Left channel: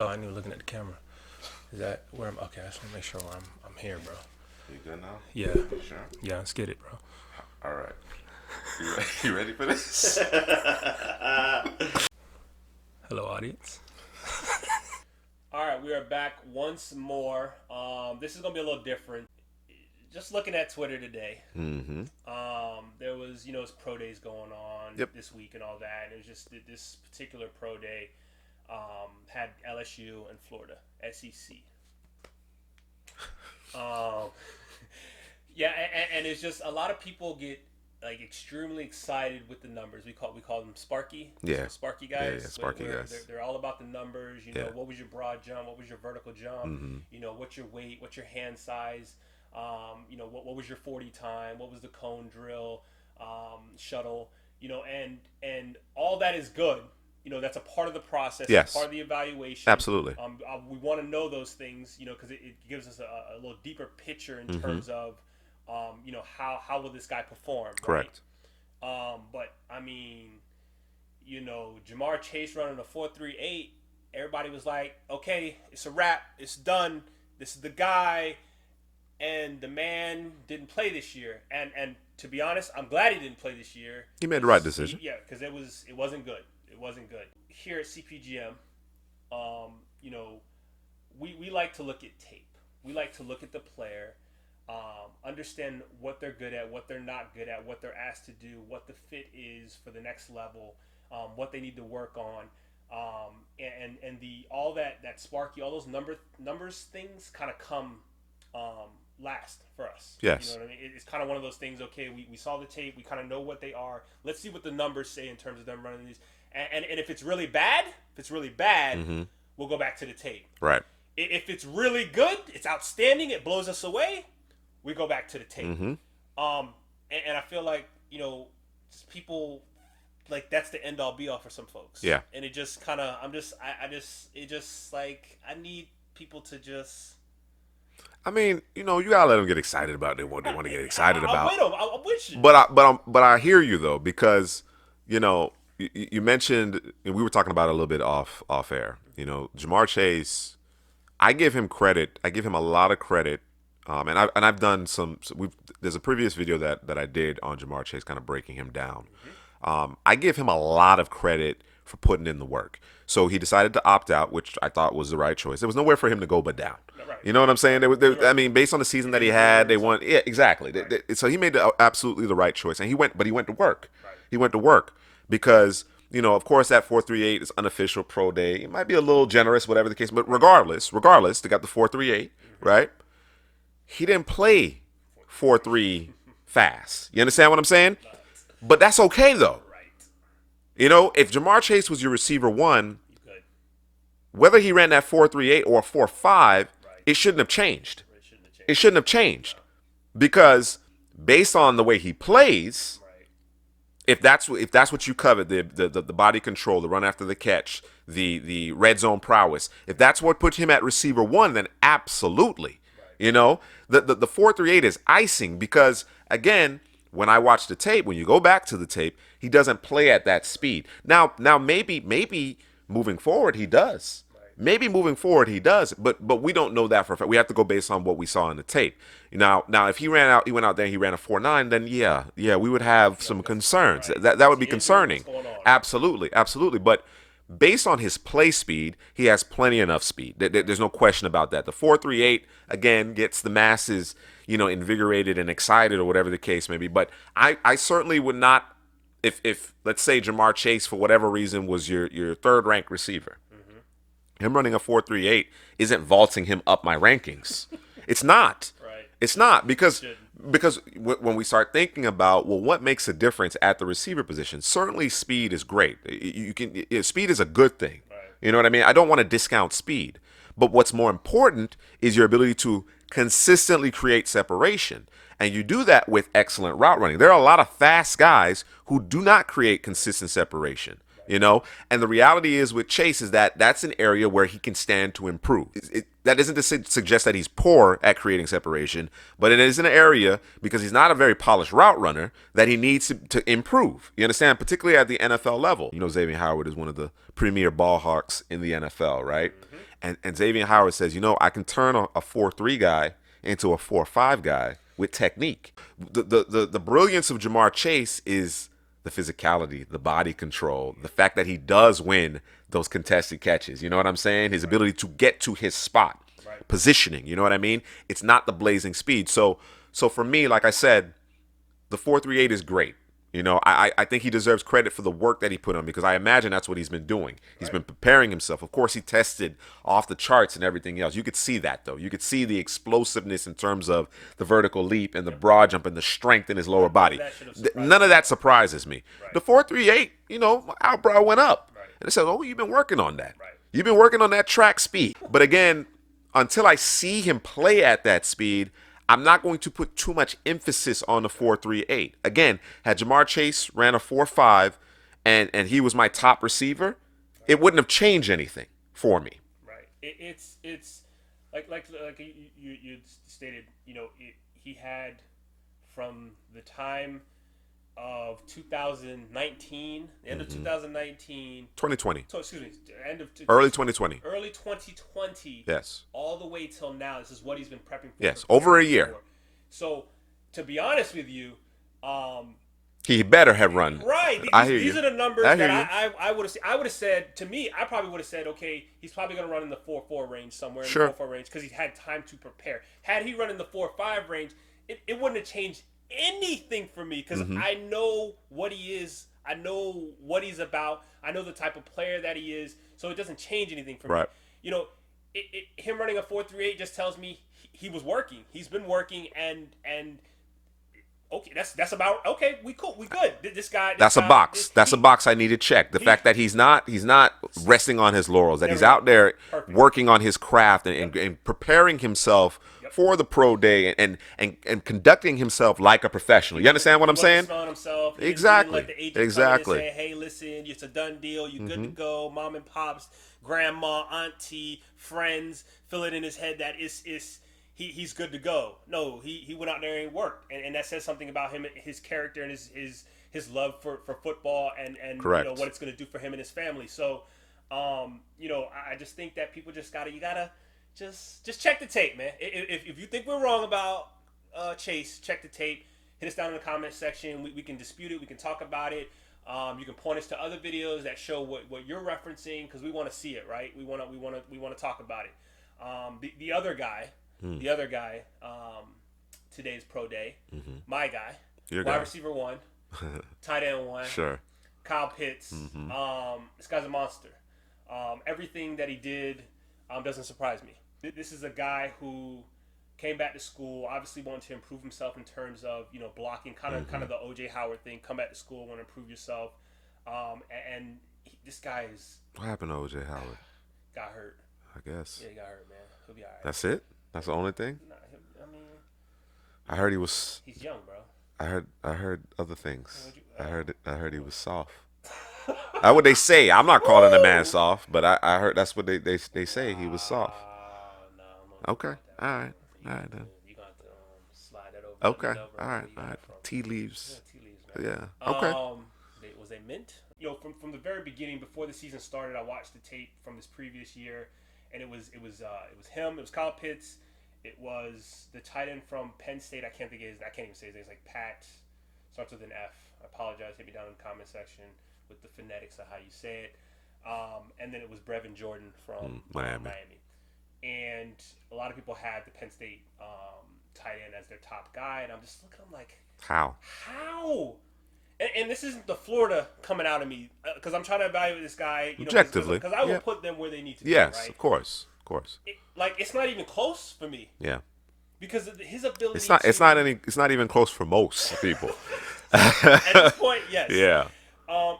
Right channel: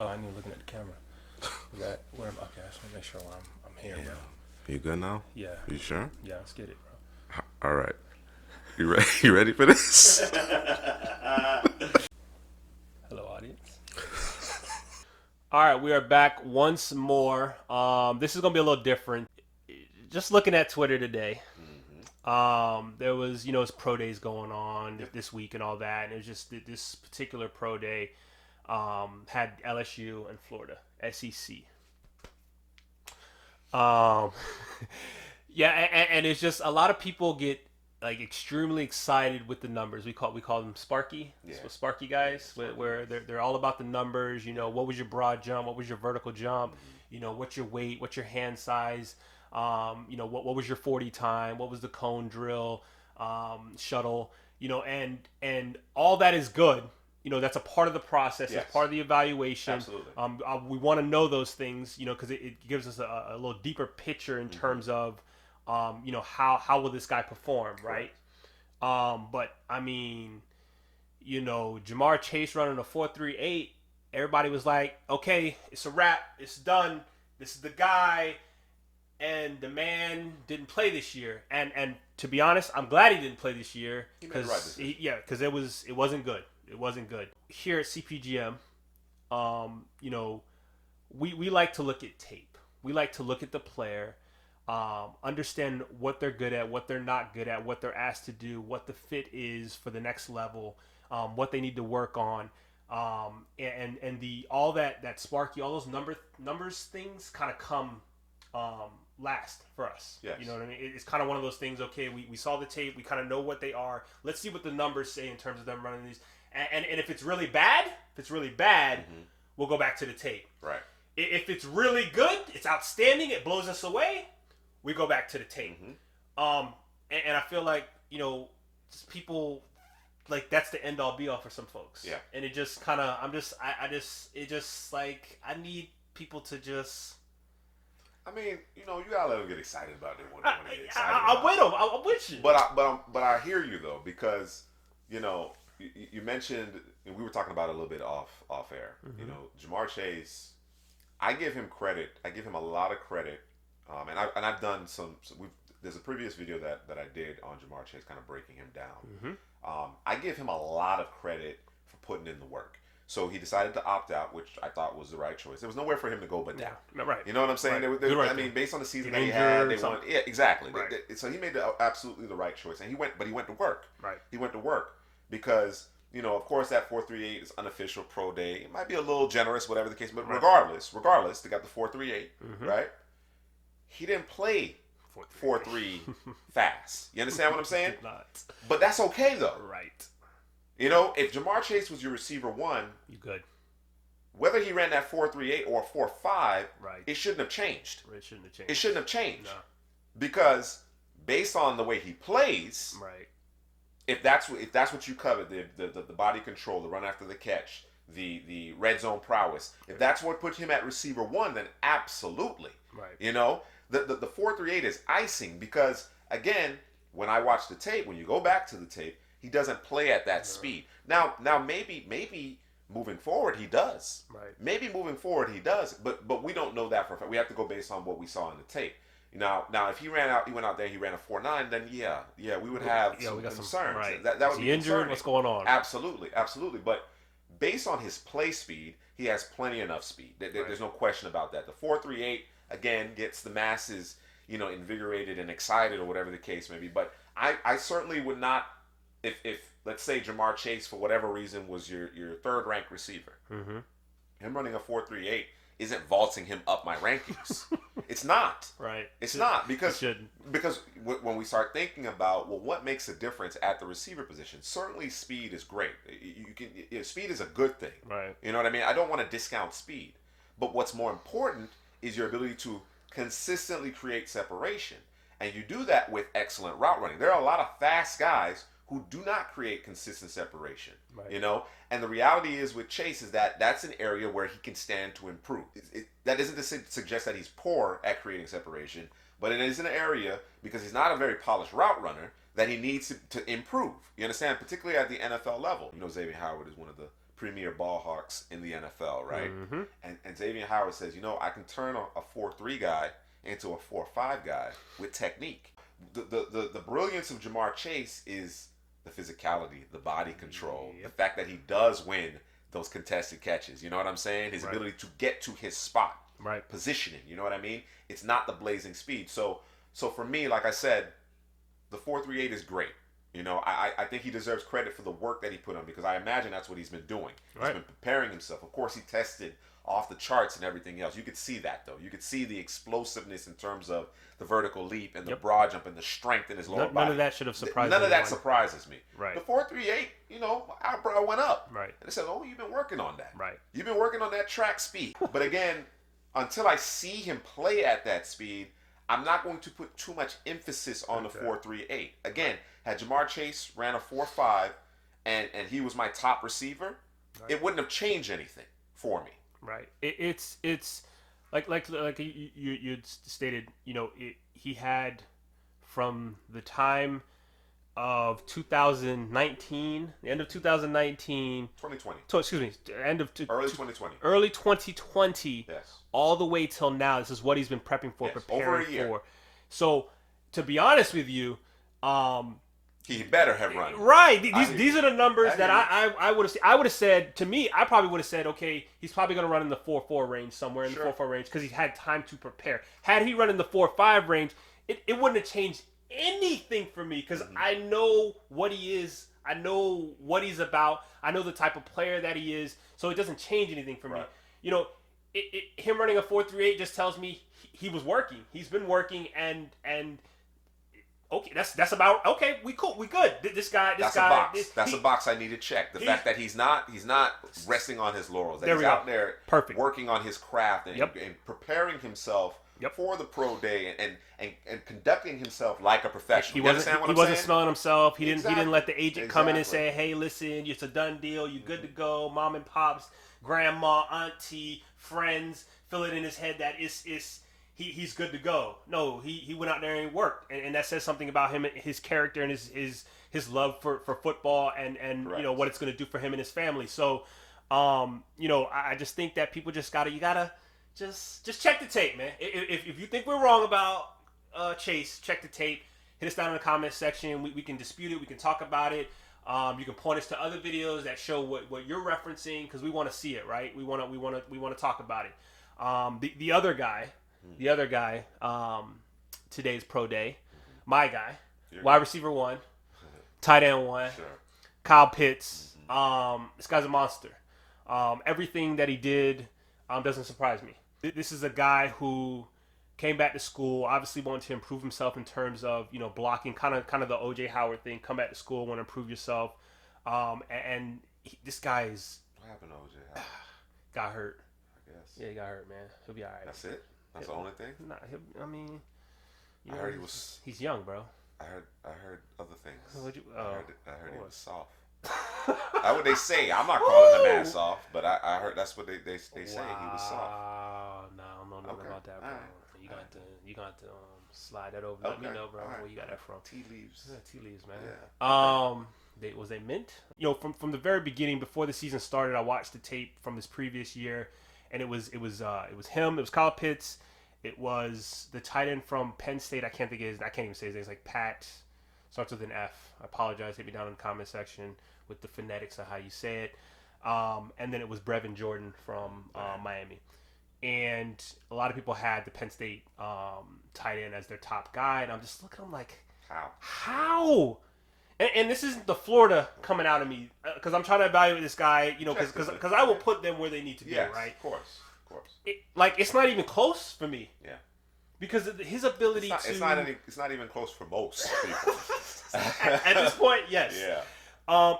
Oh, I knew looking at the camera. Is that where okay, I just want to make sure I'm here, bro. You good now? Yeah. You sure? Yeah, let's get it, bro. All right. You ready? You ready for this? Hello, audience. All right, we are back once more. This is gonna be a little different. Just looking at Twitter today, there was it's pro days going on this week and all that, and it was just this particular pro day had LSU and Florida SEC. Yeah, and it's just a lot of people get like extremely excited with the numbers. We call them Sparky. Yeah. So Sparky guys. Yeah, Sparky where guys. they're all about the numbers. You know, what was your broad jump? What was your vertical jump? Mm-hmm. You know, what's your weight? What's your hand size? What was your 40 time? What was the cone drill? Shuttle? And all that is good. That's a part of the process. Yes. It's part of the evaluation. Absolutely. We want to know those things, because it gives us a little deeper picture in terms of, how will this guy perform, Correct. right? But I mean, Jamarr Chase running a 4.38, everybody was like, okay, it's a wrap, it's done, this is the guy, and the man didn't play this year. And to be honest, I'm glad he didn't play this year. He made the right decision. Because it wasn't good. It wasn't good. Here at CPGM, we like to look at tape. We like to look at the player, understand what they're good at, what they're not good at, what they're asked to do, what the fit is for the next level, what they need to work on, and all that Sparky, all those numbers things kind of come last for us. Yes. You know what I mean? It's kind of one of those things. Okay, we saw the tape, we kind of know what they are. Let's see what the numbers say in terms of them running these. And if it's really bad, we'll go back to the tape. Right. If it's really good, it's outstanding, it blows us away, we go back to the tape. Mm-hmm. And I feel like, people, like, that's the end all be all for some folks. Yeah. And it just kind of, I need people to just. I mean, you gotta let them get excited about what they want to get excited about. I'm with you. But I hear you though, because you mentioned, and we were talking about it a little bit off air. Jamarr Chase, I give him credit. I give him a lot of credit. And I've done there's a previous video that I did on Jamarr Chase, kind of breaking him down. I give him a lot of credit for putting in the work. So he decided to opt out, which I thought was the right choice. There was nowhere for him to go but down. Right. You know what I'm saying? I mean, based on the season that he had, they won. Yeah, exactly. Right. So he made absolutely the right choice, and he went to work. Right. He went to work because of course that 4.38 is unofficial pro day. It might be a little generous, whatever the case, but regardless, they got the 4.38, right? He didn't play 4.3 fast. You understand what I'm saying? But that's okay though. Right. If Jamarr Chase was your receiver one, You good. whether he ran that 4.38 or 4.5, it shouldn't have changed. It shouldn't have changed. No. Because based on the way he plays, Right. if that's what you covet, the body control, the run after the catch, the red zone prowess, if that's what puts him at receiver one, then absolutely. Right. The 4.38 is icing because, again, when I watch the tape, when you go back to the tape, he doesn't play at that speed. Now maybe moving forward he does. Right. Maybe moving forward he does, but we don't know that for a fact. We have to go based on what we saw in the tape. Now if he went out there and he ran a 4.9, then yeah, we would have some concerns. Right. That would be Injury, concerning. what's going on? Absolutely. But based on his play speed, he has plenty enough speed. There's no question about that. The 4.38 again gets the masses, invigorated and excited or whatever the case may be. But I certainly would not, if let's say Jamarr Chase for whatever reason was your third ranked receiver, him running a 4.38 isn't vaulting him up my rankings. It's not. Right. It's not because when we start thinking about what makes a difference at the receiver position, certainly speed is great. Speed is a good thing. Right. You know what I mean? I don't want to discount speed, but what's more important is your ability to consistently create separation. And you do that with excellent route running. There are a lot of fast guys who do not create consistent separation. Right. And the reality is with Chase is that that's an area where he can stand to improve. That isn't to suggest that he's poor at creating separation, but it is an area, because he's not a very polished route runner, that he needs to improve. You understand? Particularly at the NFL level. Xavier Howard is one of the premier ball hawks in the NFL, right? And Xavier Howard says, I can turn a 4-3 guy into a 4-5 guy with technique. The brilliance of Jamarr Chase is the physicality, the body control, the fact that he does win those contested catches. You know what I'm saying? His ability to get to his spot, positioning. You know what I mean? It's not the blazing speed. So for me, like I said, the 4.38 is great. I think he deserves credit for the work that he put on, because I imagine that's what he's been doing. He's been preparing himself. Of course, he tested off the charts and everything else. You could see that, though. You could see the explosiveness in terms of the vertical leap and the broad jump and the strength in his lower body. None of that surprises me. The 4.38, my eyebrow went up. And it says, oh, you've been working on that. You've been working on that track speed. But again, until I see him play at that speed, I'm not going to put too much emphasis on the 4.38. Again, had Jamarr Chase ran a 4.5 and he was my top receiver, it wouldn't have changed anything for me. Right. It's like you stated. He had, from the time of 2019, the end of 2019, 2020. Excuse me, Early 2020. Early 2020. Yes. All the way till now. This is what he's been prepping for. Yes, over a year. For. So, to be honest with you, he better have run. Right. These are the numbers that I would have said. To me, I probably would have said, okay, he's probably going to run in the 4.4 range somewhere in the 4.4 range, because he had time to prepare. Had he run in the 4.5 range, it wouldn't have changed anything for me, because I know what he is. I know what he's about. I know the type of player that he is. So it doesn't change anything for me. Him running a 4.38 just tells me he was working. He's been working, and okay, that's about okay. We cool. We good. This guy. That's a box. That's a box I need to check. The fact that he's not resting on his laurels. That he's out there working on his craft and preparing himself for the pro day and conducting himself like a professional. You understand what I'm saying? He wasn't himself. He didn't let the agent come in and say, "Hey, listen, it's a done deal. You're good to go. Mom and pops, grandma, auntie, friends, fill it in his head that he's good to go." No, he went out there and worked, and that says something about him, his character, and his love for football, and what it's going to do for him and his family. So, I just think that people just gotta just check the tape, man. If you think we're wrong about Chase, check the tape. Hit us down in the comments section. We can dispute it. We can talk about it. You can point us to other videos that show what you're referencing, because we want to see it, right? We want to talk about it. The other guy. Today's pro day. My guy. Wide receiver 1. Tight end 1. Sure. Kyle Pitts. This guy's a monster. Everything that he did doesn't surprise me. This is a guy who came back to school, obviously wanted to improve himself in terms of blocking, kind of the OJ Howard thing. Come back to school, want to improve yourself, this guy is. What happened to OJ Howard? Got hurt. I guess. Yeah, he got hurt, man. He'll be all right. That's it. That's the only thing. Nah, I mean. I heard he was. He's young, bro. I heard other things. I heard he was soft. That's what they say. I'm not calling the man soft, but I heard that's what they say. He was soft. No. Okay. All right. You're going to have to slide that over. Okay. All right. Tea leaves. Yeah, tea leaves, man. Yeah. Okay. Was they mint? From the very beginning, before the season started, I watched the tape from this previous year, and it was him. It was Kyle Pitts. It was the tight end from Penn State. I can't even say his name. It's like Pat. Starts with an F. I apologize. Hit me down in the comment section with the phonetics of how you say it. And then it was Brevin Jordan from Miami. And a lot of people had the Penn State tight end as their top guy. And I'm just looking, I'm like, How? And this isn't the Florida coming out of me, because I'm trying to evaluate this guy, because I will put them where they need to be, right? Yes, of course. It's not even close for me. Yeah. Because of his ability it's not even close for most people. At this point, yes. Yeah.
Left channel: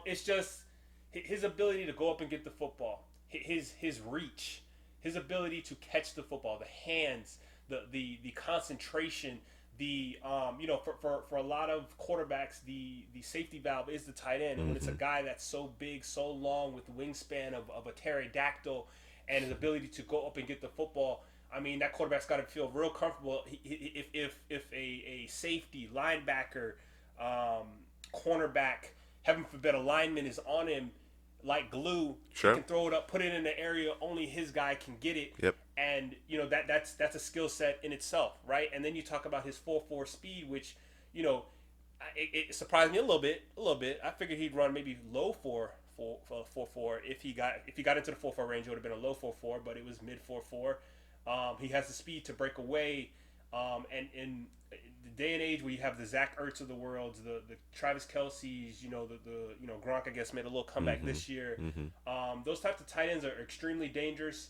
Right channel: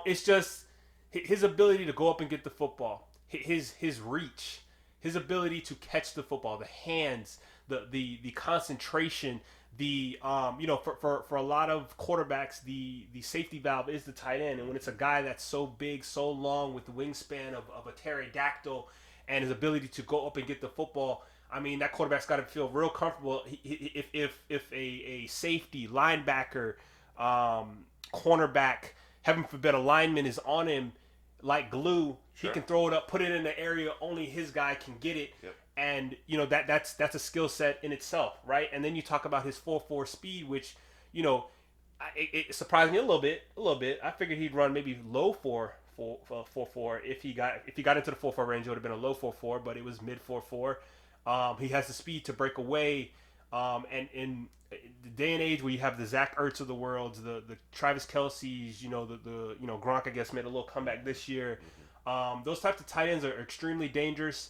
It's just his ability to go up and get the football, his reach, his ability to catch the football, the hands, the concentration, for a lot of quarterbacks, the safety valve is the tight end, and when it's a guy that's so big, so long, with the wingspan of a pterodactyl, and his ability to go up and get the football, I mean, that quarterback's got to feel real comfortable. If a safety, linebacker, cornerback, heaven forbid, a lineman is on him, like glue. Sure. He can throw it up, put it in the area only his guy can get it. Yep. And that's a skill set in itself, right? And then you talk about his 4.4 speed, which it surprised me a little bit. I figured he'd run maybe low 4.4 if he got into the 4.4 range. It would have been a low 4.4, but it was mid 4.4. He has the speed to break away. And in the day and age where you have the Zach Ertz of the world, the Travis Kelce's, the Gronk, I guess, made a little comeback this year. Those types of tight ends are extremely dangerous.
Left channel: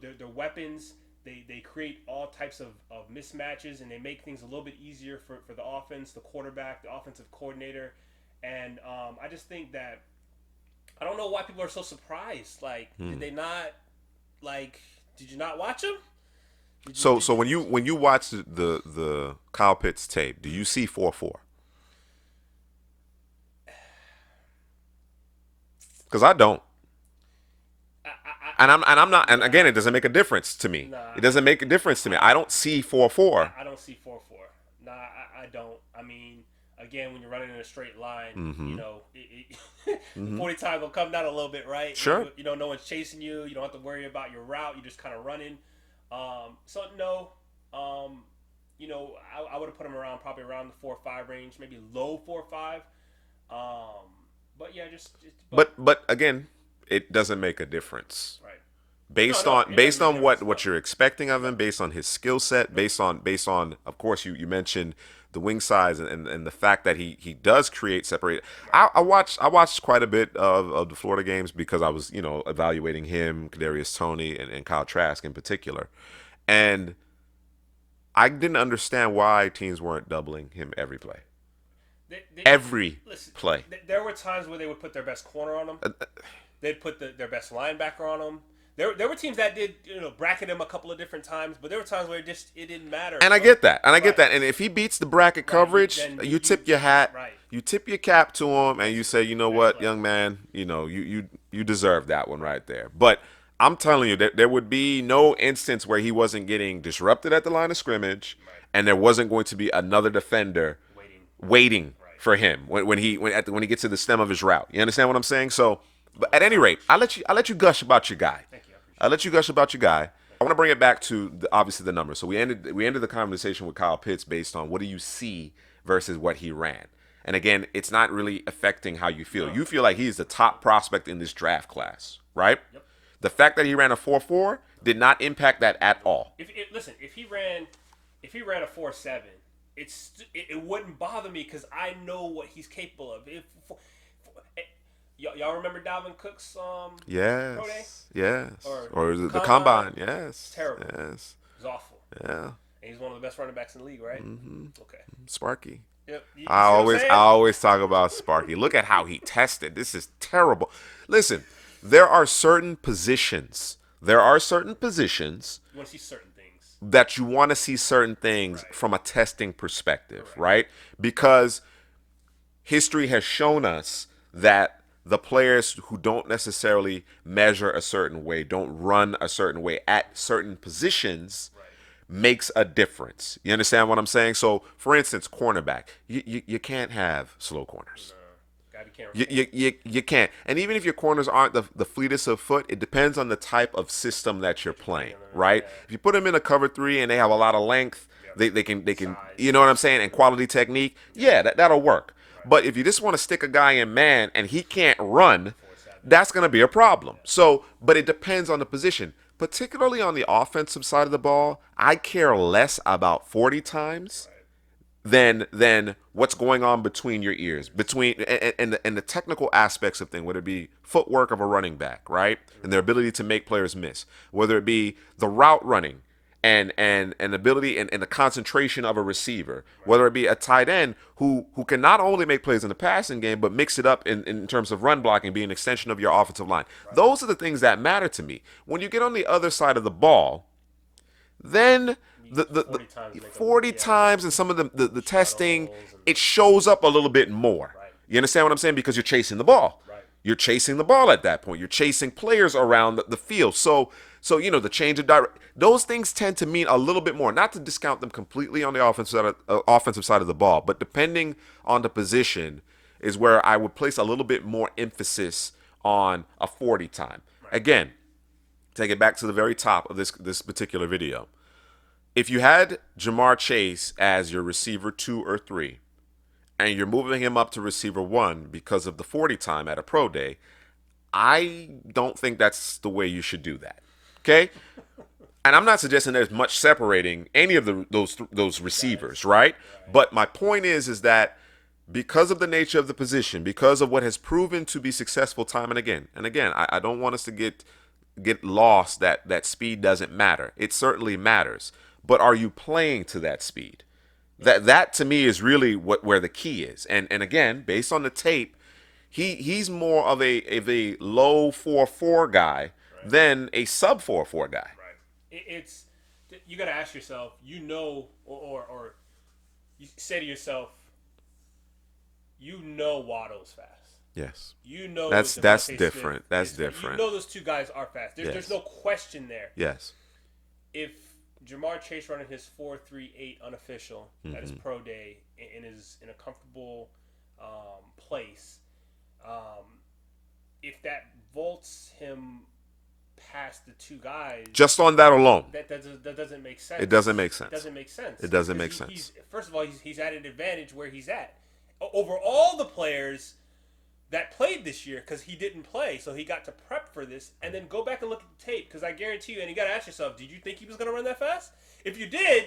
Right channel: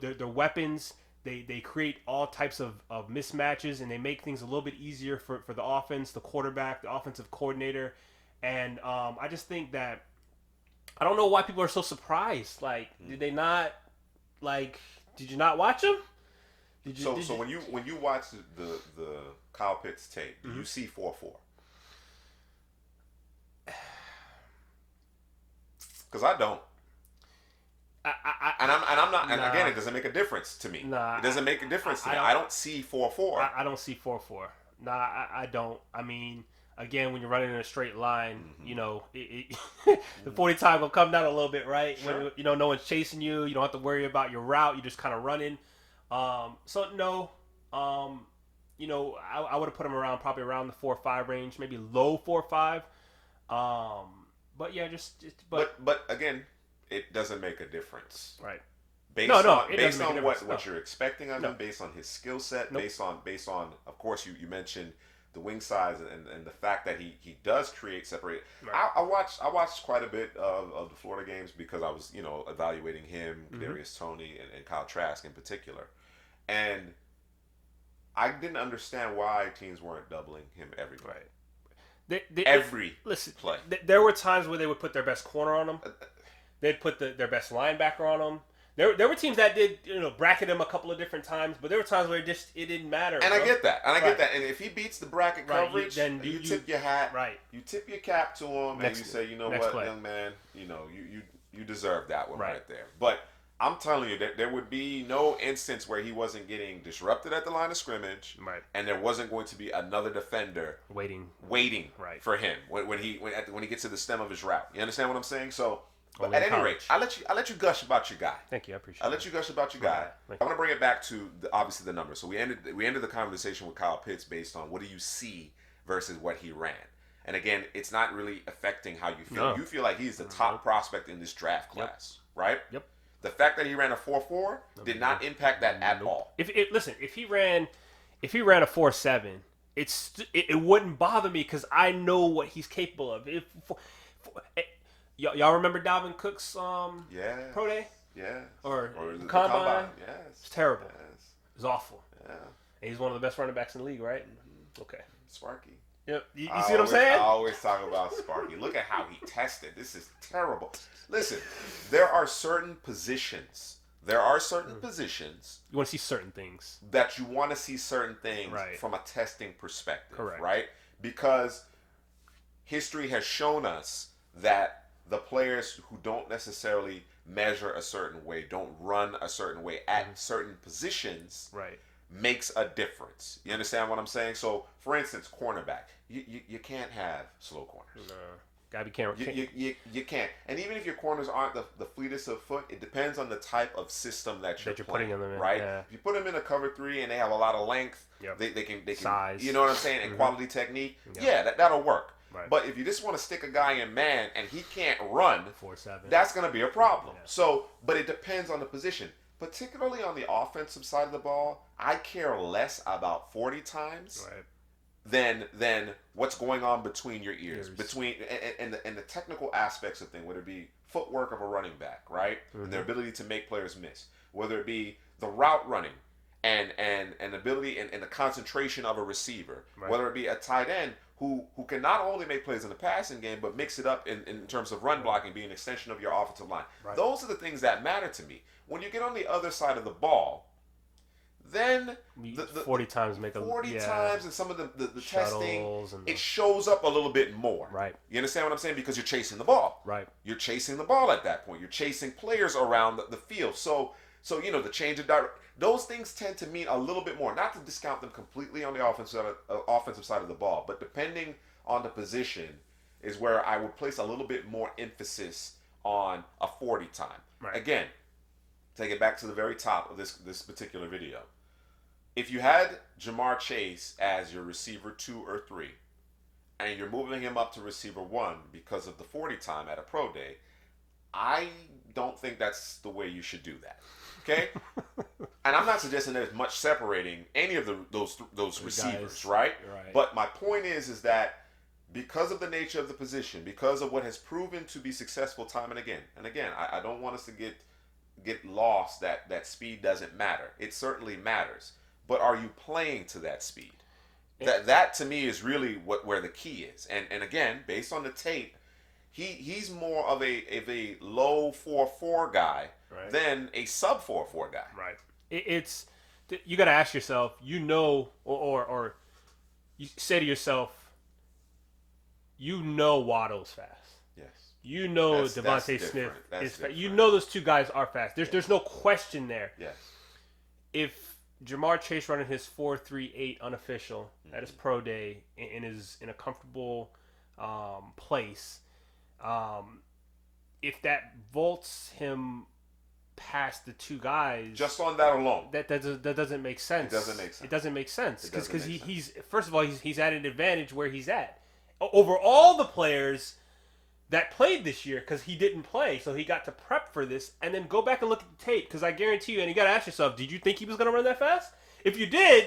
They're weapons. They create all types of mismatches, and they make things a little bit easier for the offense, the quarterback, the offensive coordinator. And I just think that I don't know why people are so surprised. Like, did they not, did you not watch them? So when you watch the Kyle Pitts tape, do you see 4.4? Because I don't. I'm not. And again, it doesn't make a difference to me. It doesn't make a difference to me. I don't see 4.4. I don't see 4.4. Nah, I don't. I mean, again, when you're running in a straight line, the 40 time will come down a little bit, right? Sure. No one's chasing you. You don't have to worry about your route. You're just kind of running. So no. I would have put him probably around the 4.5 range, maybe low 4.5. But yeah, but again, it doesn't make a difference. Right. Based on what you're expecting of him, based on his skill set, based on of course you mentioned the wing size and the fact that he does create separate. Right. I watched quite a bit of the Florida games because I was evaluating him, Kadarius Toney, and Kyle Trask in particular, and I didn't understand why teams weren't doubling him every play. Every play. There were times where they would put their best corner on him. They'd put their best linebacker on him. There were teams that did bracket him a couple of different times, but there were times where it didn't matter. And I get that. And if he beats the bracket coverage, you tip your hat, you tip your cap to him, and you say, what, young man, you deserve that one right there. But I'm telling you that there would be no instance where he wasn't getting disrupted at the line of scrimmage, and there wasn't going to be another defender waiting for him when he gets to the stem of his route. You understand what I'm saying? So. But at any rate, I'll let you gush about your guy. Thank you, I appreciate it. I'll let you gush about your guy. I want to bring it back to obviously the numbers. So we ended the conversation with Kyle Pitts based on what do you see versus what he ran. And again, it's not really affecting how you feel. No. You feel like he's the top prospect in this draft class, right? Yep. The fact that he ran a 4.4 did not impact that at all. If he ran a 4.7, it wouldn't bother me because I know what he's capable of. Y'all remember Dalvin Cook's pro day? Yes. Or the combine? Yes. It's terrible. Yes. It's awful. Yeah. And he's one of the best running backs in the league, right? Mm-hmm. Okay. Sparky. Yep. I always talk about Sparky. Look at how he tested. This is terrible. Listen, there are certain positions. You want to see certain things. That you want to see certain things from a testing perspective, right? Because history has shown us that the players who don't necessarily measure a certain way, don't run a certain way at certain positions, makes a difference. You understand what I'm saying? So, for instance, cornerback, you can't have slow corners. Gotta be careful. You can't. And even if your corners aren't the fleetest of foot, it depends on the type of system that you're playing, right? Yeah. If you put them in a cover 3 and they have a lot of length, they can size, you know what I'm saying, and quality technique, that'll work. But if you just want to stick a guy in man and he can't run, that's going to be a problem. So, but it depends on the position. Particularly on the offensive side of the ball, I care less about 40 times than what's going on between your ears, and the technical aspects of things, whether it be footwork of a running back, right, and their ability to make players miss, whether it be the route running, and ability and the concentration of a receiver, whether it be a tight end who can not only make plays in the passing game, but mix it up in terms of run blocking, be an extension of your offensive line. Those are the things that matter to me. When you get on the other side of the ball, then the 40 times and some of the testing, it shows up a little bit more. Right. You understand what I'm saying? Because you're chasing the ball. Right. You're chasing the ball at that point. You're chasing players around the field. So the change of direction, those things tend to mean a little bit more. Not to discount them completely on the offensive side of the ball, but depending on the position is where I would place a little bit more emphasis on a 40 time. Right. Again, take it back to the very top of this particular video. If you had Jamarr Chase as your receiver 2 or 3, and you're moving him up to receiver 1 because of the 40 time at a pro day, I don't think that's the way you should do that. Okay? And I'm not suggesting there's much separating any of those receivers, right? But my point is that because of the nature of the position, because of what has proven to be successful time and again, I don't want us to get lost that speed doesn't matter. It certainly matters. But are you playing to that speed? That to me is really where the key is. And again, based on the tape, he's more of a low 4.4 guy than a sub 4.4 guy. Right. It's you got to ask yourself, or you say to yourself, Waddle's fast. Yes. That's different. Smith That's different. You know those two guys are fast. There's no question there. Yes. If Jamarr Chase running his 4.38 unofficial at his pro day and is in a comfortable place, if that vaults him past the two guys, just on that alone, that doesn't make sense. It doesn't make sense. It doesn't make sense. It doesn't make sense. First of all, he's at an advantage where he's at over all the players that played this year because he didn't play, so he got to prep for this. And then go back and look at the tape because I guarantee you, and you got to ask yourself, did you think he was going to run that fast? If you did,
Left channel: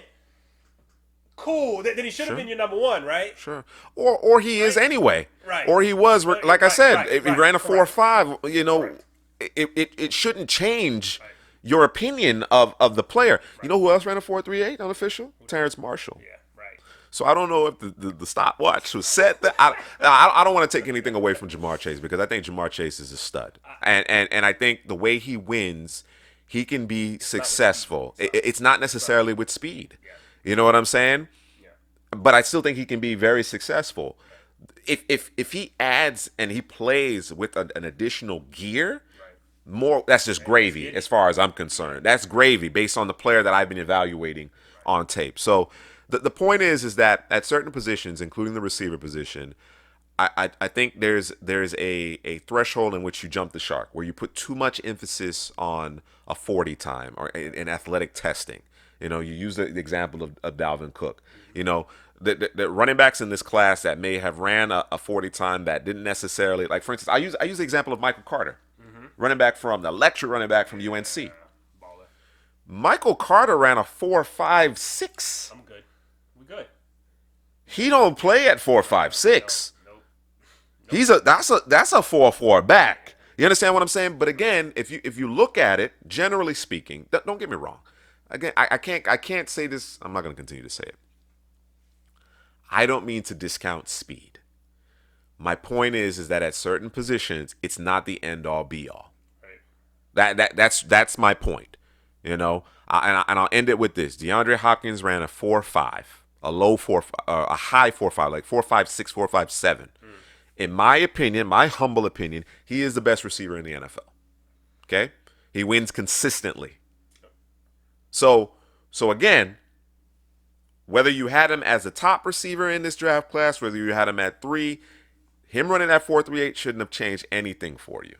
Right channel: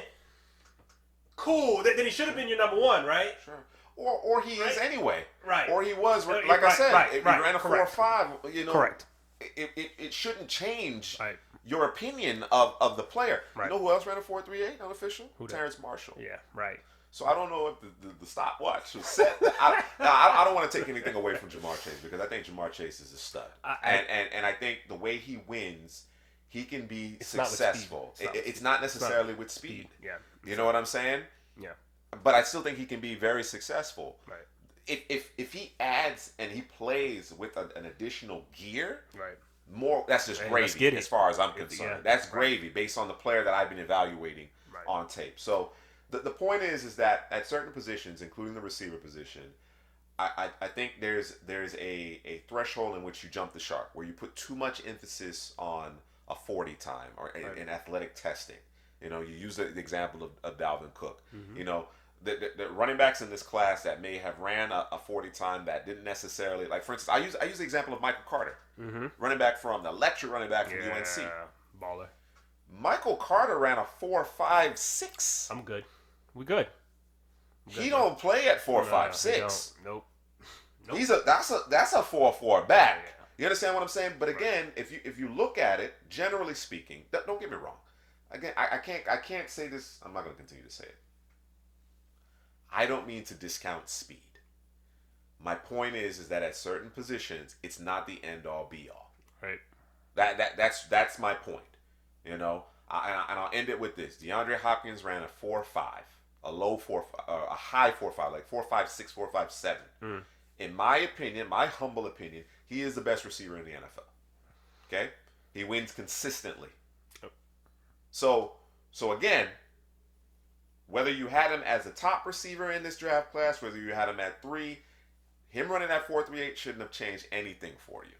cool. Then he should have been your number one, right? Sure. Or he is anyway. Right. Or he was, like I said, if he ran a 4.5, Correct. it shouldn't change your opinion of the player. Right. You know who else ran a 4.38 unofficial? Terrence Marshall. Yeah, right. So I don't know if the stopwatch was set. I don't want to take anything away from Jamarr Chase because I think Jamarr Chase is a stud, and I think the way he wins, he can be successful. It's not necessarily with speed. Yeah. You know what I'm saying? Yeah. But I still think he can be very successful. Right. If he adds and he plays with an additional gear, right. that's just gravy as far as I'm concerned. That's gravy based on the player that I've been evaluating on tape. So. The point is that at certain positions, including the receiver position, I think there's a threshold in which you jump the shark, where you put too much emphasis on a 40 time or in athletic testing. You know, you use the example of Dalvin Cook. Mm-hmm. You know, the running backs in this class that may have ran a 40 time that didn't necessarily, like for instance, I use the example of Michael Carter, running back from the electric running back from UNC. Baller. Michael Carter ran a 4.56. I'm good. We good. He don't play at 4.56. Nope. That's a 4.4 back. You understand what I'm saying? But again, if you look at it, generally speaking, don't get me wrong. Again, I can't say this. I'm not going to continue to say it. I don't mean to discount speed. My point is that at certain positions, it's not the end all be all. Right. That's my point. You know, and I'll end it with this. DeAndre Hopkins ran a 4.5. A low 4, a high 4.5, like 4.56, 4.57. In my opinion, my humble opinion, he is the best receiver in the NFL. Okay, he wins consistently. So again, whether you had him as a top receiver in this draft class, whether you had him at 3, him running that 4.38 shouldn't have changed anything for you.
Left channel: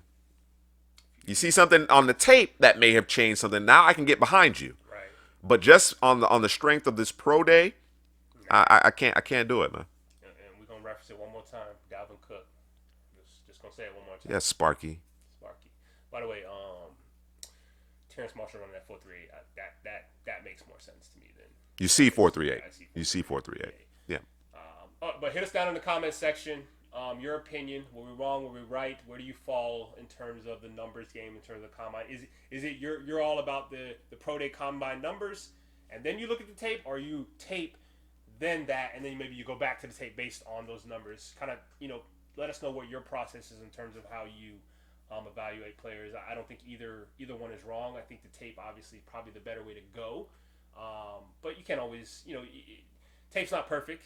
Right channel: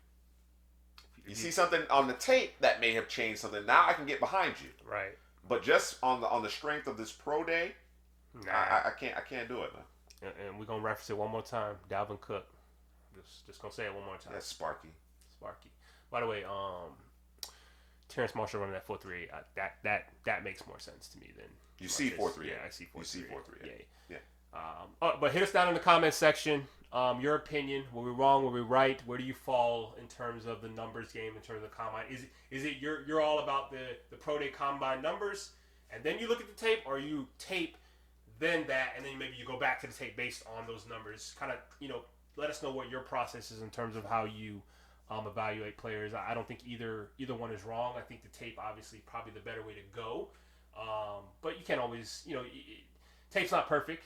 You see something on the tape that may have changed something. Now I can get behind you. Right. But just on the strength of this pro day. I can't do it, man. And we're gonna reference it one more time. Dalvin Cook. Just gonna say it one more time. Yeah, Sparky. By the way, Terrence Marshall running that 4.38. That makes more sense to me than you see 4.38. Yeah, I see 4.38. You see 4.38. Yeah. But hit us down in the comment section. Your opinion. Were we wrong? Were we right? Where do you fall in terms of the numbers game, in terms of the combine? Is it you're all about the pro day combine numbers, and then you look at the tape, or you tape then that, and then maybe you go back to the tape based on those numbers? Kind of, let us know what your process is in terms of how you evaluate players. I don't think either one is wrong. I think the tape obviously probably the better way to go, but you can't always, tape's not perfect.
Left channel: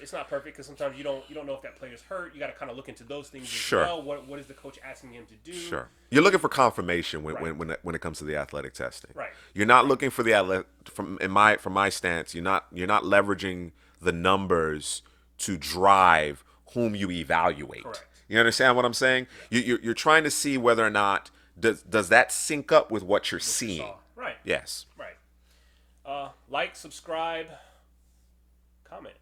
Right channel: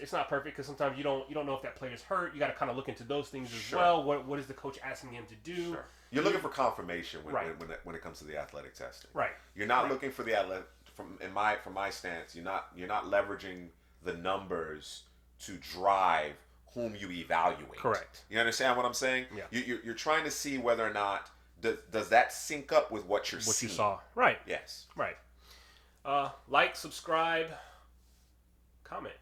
It's not perfect because sometimes you don't know if that player's hurt. You got to kind of look into those things as well. What is the coach asking him to do? Sure. You're looking for confirmation when it comes to the athletic testing. Right. You're not looking for the from my stance. You're not leveraging the numbers to drive whom you evaluate. Correct. You understand what I'm saying? Yeah. You're trying to see whether or not does that sync up with what you're What seeing. you saw. Right. Yes. Right. Like, subscribe, comment.